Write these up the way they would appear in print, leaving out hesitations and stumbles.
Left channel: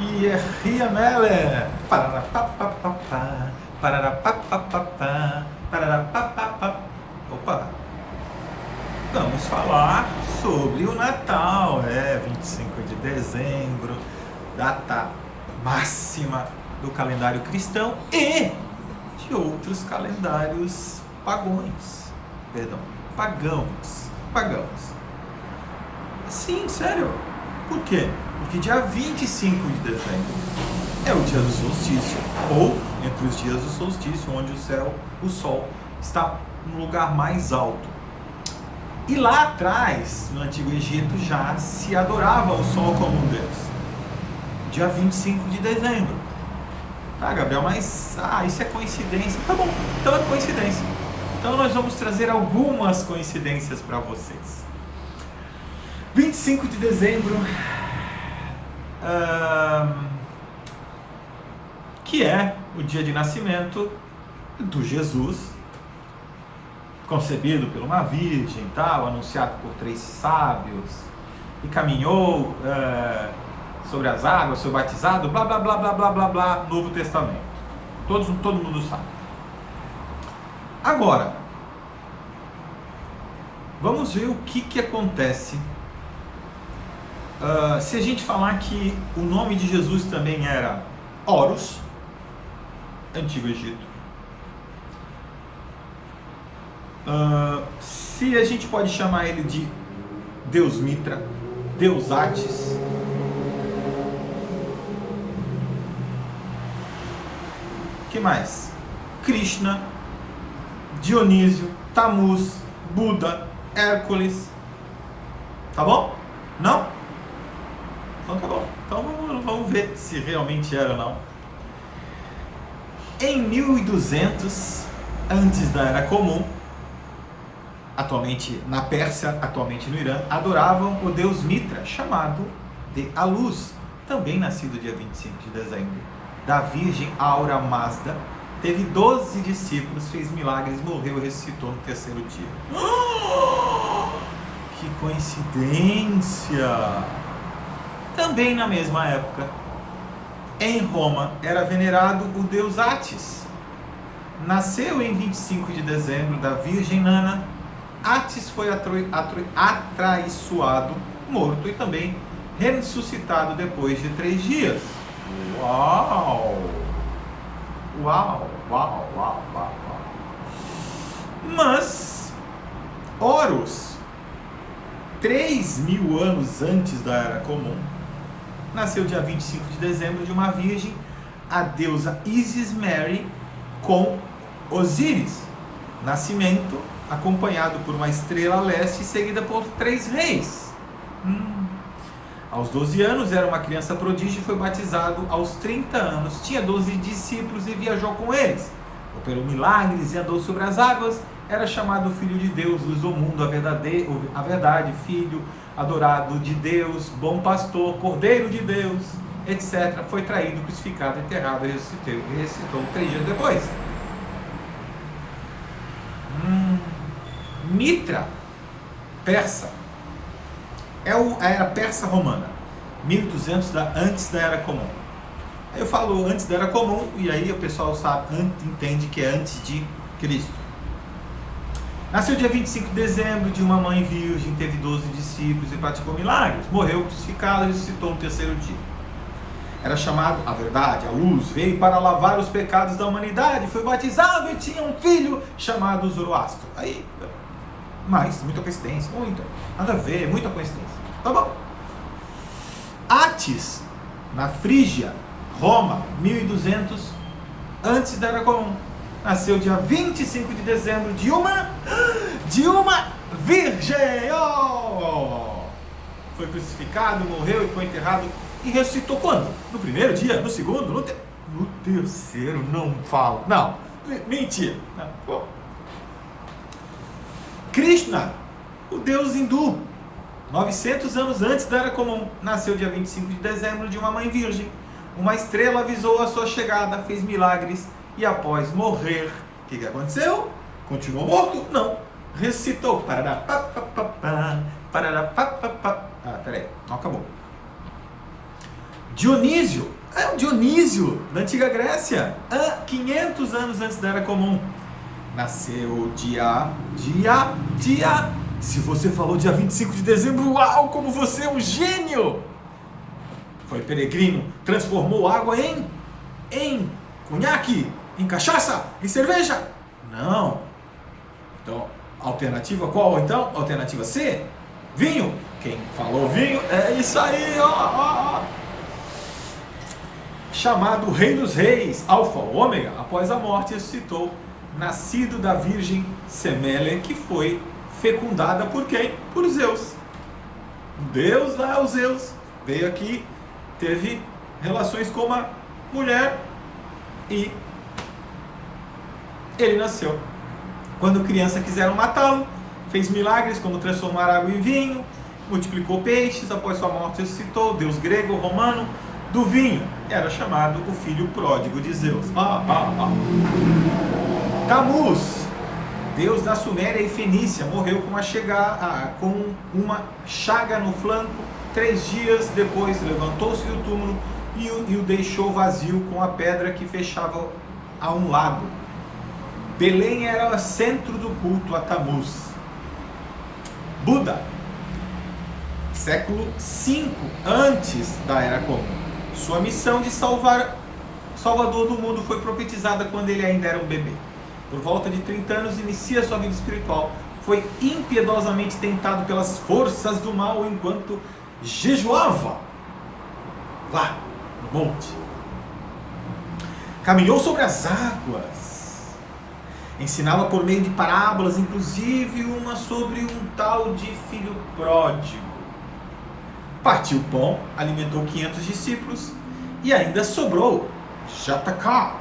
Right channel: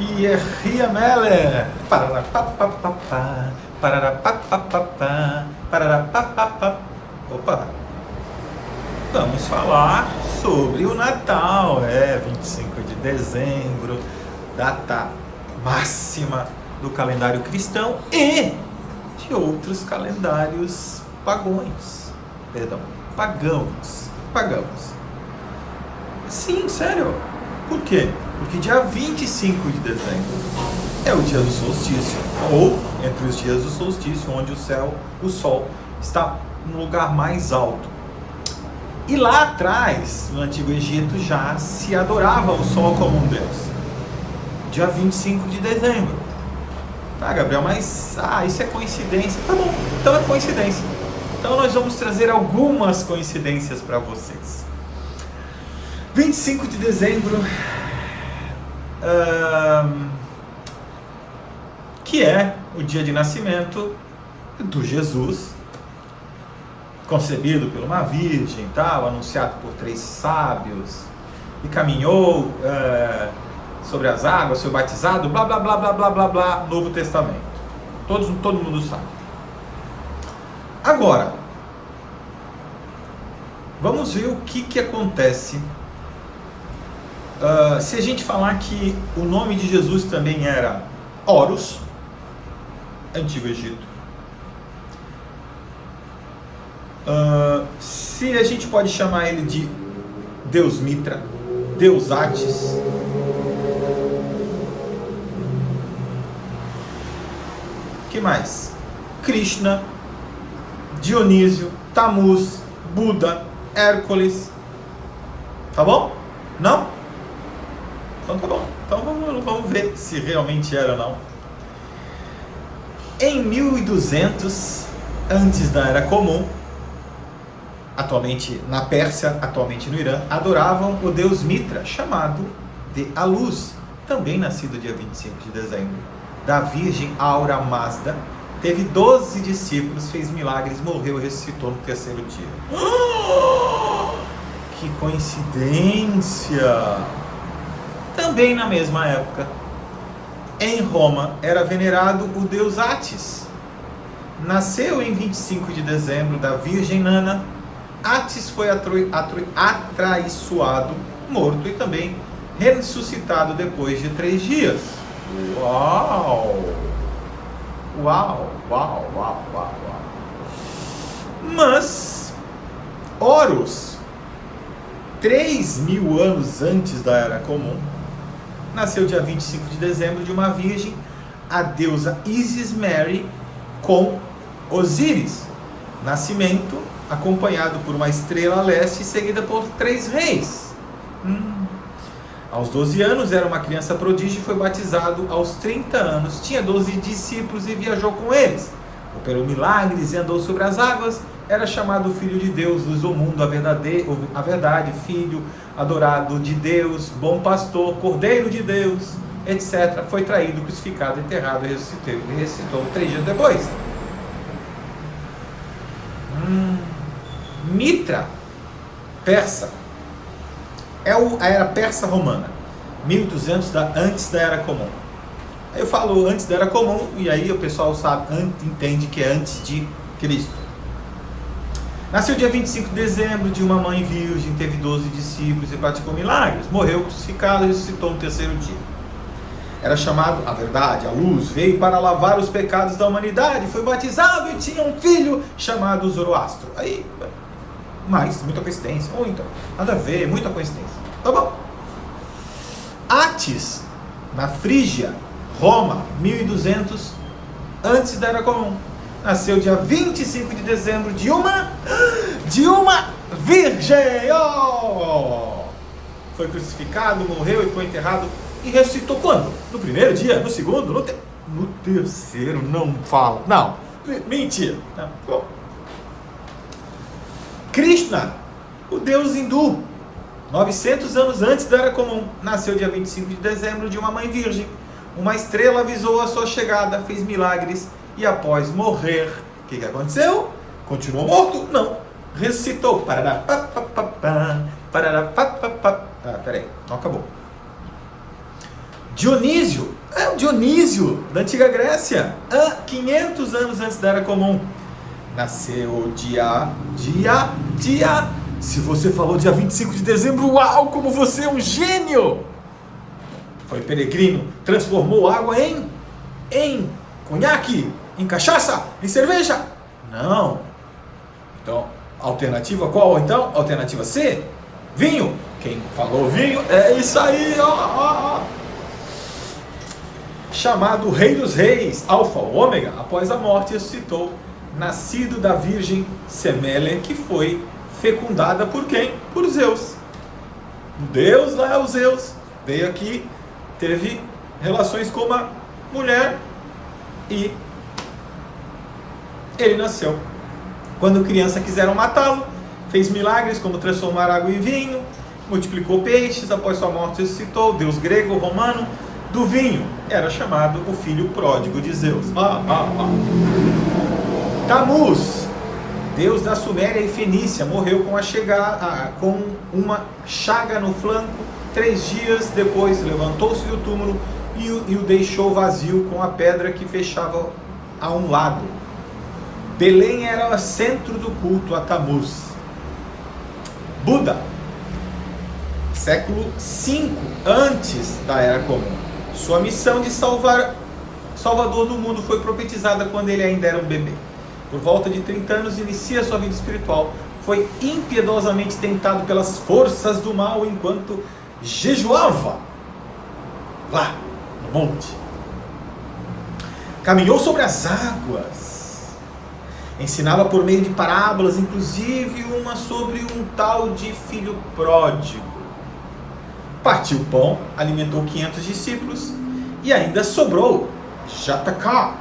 Ria Meller. Pararapapapá, pararapapapá, pararapapapá. Opa, vamos falar sobre o Natal. 25 de dezembro, data máxima do calendário cristão e de outros calendários pagãos. Sim, sério. Por quê? Porque dia 25 de dezembro é o dia do solstício, ou entre os dias do solstício, onde o sol está no lugar mais alto. E lá atrás, no Antigo Egito, já se adorava o sol como um deus. Dia 25 de dezembro. Tá, Gabriel, mas isso é coincidência. Tá bom, então é coincidência. Então nós vamos trazer algumas coincidências para vocês. 25 de dezembro, que é o dia de nascimento do Jesus, concebido por uma virgem, tal, anunciado por 3 sábios, e caminhou sobre as águas, foi batizado, blá blá blá blá blá blá blá, Novo Testamento. Todo mundo sabe. Agora, vamos ver o que acontece se a gente falar que o nome de Jesus também era Horus, Antigo Egito. Se a gente pode chamar ele de Deus Mitra, Deus Atis. O que mais? Krishna, Dionísio, Tamuz, Buda, Hércules. Tá bom? Não? Então tá bom. Então vamos ver se realmente era ou não. Em 1200, antes da Era Comum, atualmente na Pérsia, atualmente no Irã, adoravam o deus Mitra, chamado de A Luz, também nascido dia 25 de dezembro, da Virgem Aura Mazda. Teve 12 discípulos, fez milagres, morreu e ressuscitou no 3º dia. Que coincidência! Também na mesma época, em Roma, era venerado o deus Atis. Nasceu em 25 de dezembro da Virgem Nana. Atis foi atraiçoado, morto e também ressuscitado depois de 3 dias. Uau! Mas Horus, 3.000 anos antes da Era Comum, nasceu dia 25 de dezembro de uma virgem, a deusa Isis Mary, com Osíris. Nascimento acompanhado por uma estrela a leste, seguida por 3 reis. Aos 12 anos era uma criança prodígio e foi batizado aos 30 anos. Tinha 12 discípulos e viajou com eles. Operou milagres e andou sobre as águas. Era chamado Filho de Deus, luz do mundo, a verdade, Filho, adorado de Deus, bom pastor, Cordeiro de Deus, etc. Foi traído, crucificado, enterrado e ressuscitou 3 dias depois. Mitra, persa, é a era persa romana, 1200 antes da Era Comum. Aí eu falo antes da Era Comum e aí o pessoal entende que é antes de Cristo. Nasceu dia 25 de dezembro de uma mãe virgem, teve 12 discípulos e praticou milagres. Morreu crucificado e ressuscitou no 3º dia. Era chamado, a verdade, a luz, veio para lavar os pecados da humanidade, foi batizado e tinha um filho chamado Zoroastro. Aí, mas, muita coincidência, nada a ver, muita coincidência. Tá bom. Atis, na Frígia, Roma, 1200, antes da Era Comum. Nasceu dia 25 de dezembro de uma virgem. Foi crucificado, morreu e foi enterrado e ressuscitou quando? No 1º dia? No 2º? No 3º? Não fala. Não. Mentira. Não. Krishna, o deus hindu, 900 anos antes da Era Comum, nasceu dia 25 de dezembro de uma mãe virgem. Uma estrela avisou a sua chegada, fez milagres e após morrer, o que aconteceu? Continuou morto? Não. Ressuscitou. Peraí, não acabou. Dionísio, é o Dionísio da antiga Grécia, 500 anos antes da Era Comum. Nasceu dia. Se você falou dia 25 de dezembro, uau, como você é um gênio! Foi peregrino, transformou água em conhaque, em cachaça, em cerveja? Não. Então, alternativa qual então? Alternativa C, vinho. Quem falou vinho, é isso aí, ó. Chamado Rei dos Reis, Alfa, o Ômega, após a morte ressuscitou, nascido da Virgem Semele, que foi fecundada por quem? Por Zeus. Deus lá, o Zeus, veio aqui, teve relações com uma mulher e ele nasceu. Quando criança quiseram matá-lo, fez milagres como transformar água em vinho, multiplicou peixes, após sua morte ressuscitou, deus grego, romano, do vinho. Era chamado o filho pródigo de Zeus. Tamuz, deus da Suméria e Fenícia, morreu com uma chaga no flanco. 3 dias depois levantou-se do túmulo e o deixou vazio com a pedra que fechava a um lado. Belém era o centro do culto a Tamuz. Buda, século V antes da Era Comum. Sua missão de Salvador do mundo foi profetizada quando ele ainda era um bebê. Por volta de 30 anos inicia sua vida espiritual. Foi impiedosamente tentado pelas forças do mal enquanto jejuava lá no monte. Caminhou sobre as águas. Ensinava por meio de parábolas, inclusive uma sobre um tal de filho pródigo. Partiu o pão, alimentou 500 discípulos e ainda sobrou. JK.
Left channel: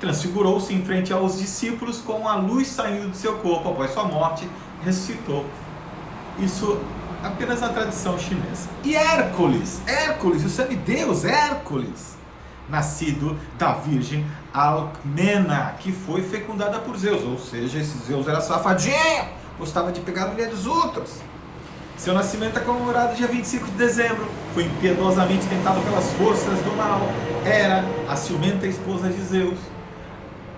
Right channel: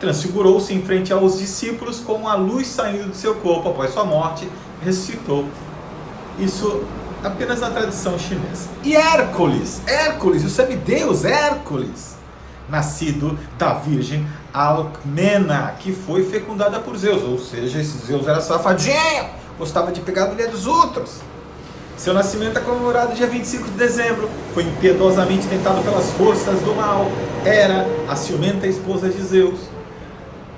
Transfigurou-se em frente aos discípulos com a luz saindo do seu corpo após sua morte, ressuscitou. Isso apenas na tradição chinesa. E Hércules, o semideus Hércules, nascido da Virgem Alcmena, que foi fecundada por Zeus, ou seja, esse Zeus era safadinho, gostava de pegar a mulher dos outros. Seu nascimento é comemorado dia 25 de dezembro, foi impiedosamente tentado pelas forças do mal, era a ciumenta esposa de Zeus,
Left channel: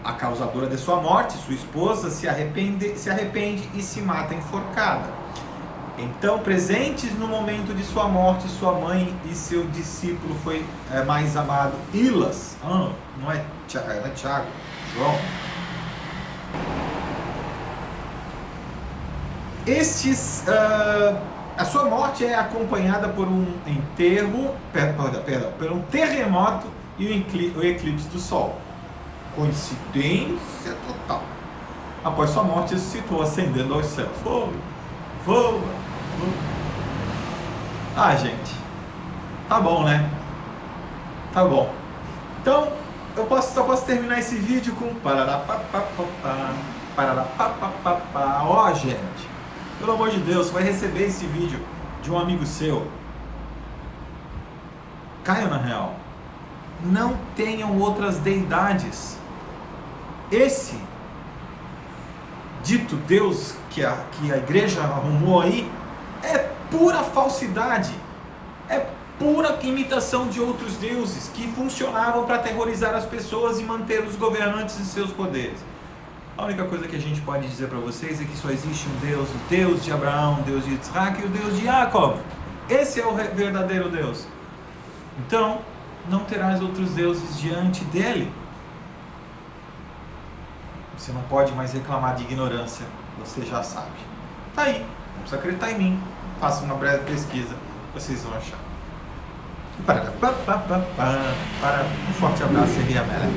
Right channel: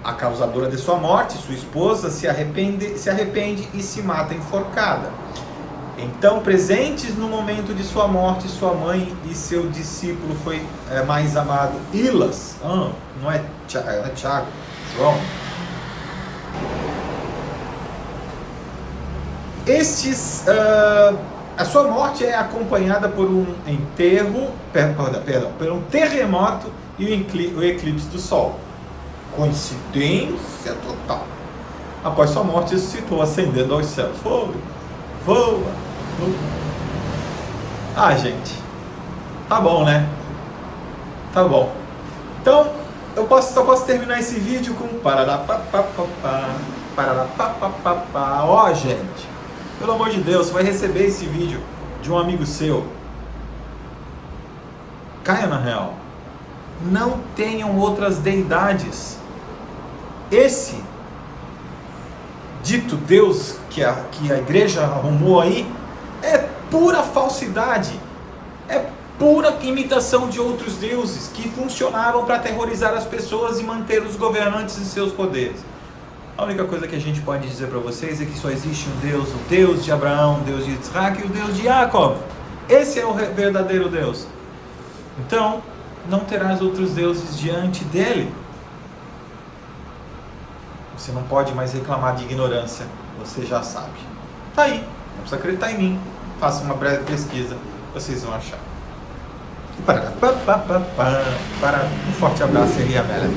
a causadora de sua morte. Sua esposa se arrepende e se mata enforcada. Então, presentes no momento de sua morte, sua mãe e seu discípulo foi mais amado, Ilas, não é Tiago, João. A sua morte é acompanhada por um por um terremoto e o eclipse do Sol. Coincidência total. Após sua morte, ressuscitou, ascendendo aos céus. Voa. Gente, tá bom, né? Tá bom. Então, eu só posso terminar esse vídeo com gente, pelo amor de Deus, você vai receber esse vídeo de um amigo seu. Caia na real. Não tenham outras deidades. Esse dito Deus que a igreja arrumou aí é pura falsidade, é pura imitação de outros deuses que funcionavam para aterrorizar as pessoas e manter os governantes em seus poderes. A única coisa que a gente pode dizer para vocês é que só existe um Deus, o Deus de Abraão, o Deus de Isaac e o Deus de Jacob. Esse é o verdadeiro Deus. Então, não terás outros deuses diante dele. Você não pode mais reclamar de ignorância, você já sabe. Tá aí, não precisa acreditar em mim. Faça uma breve pesquisa, vocês vão achar. Um forte abraço, Ria Mela.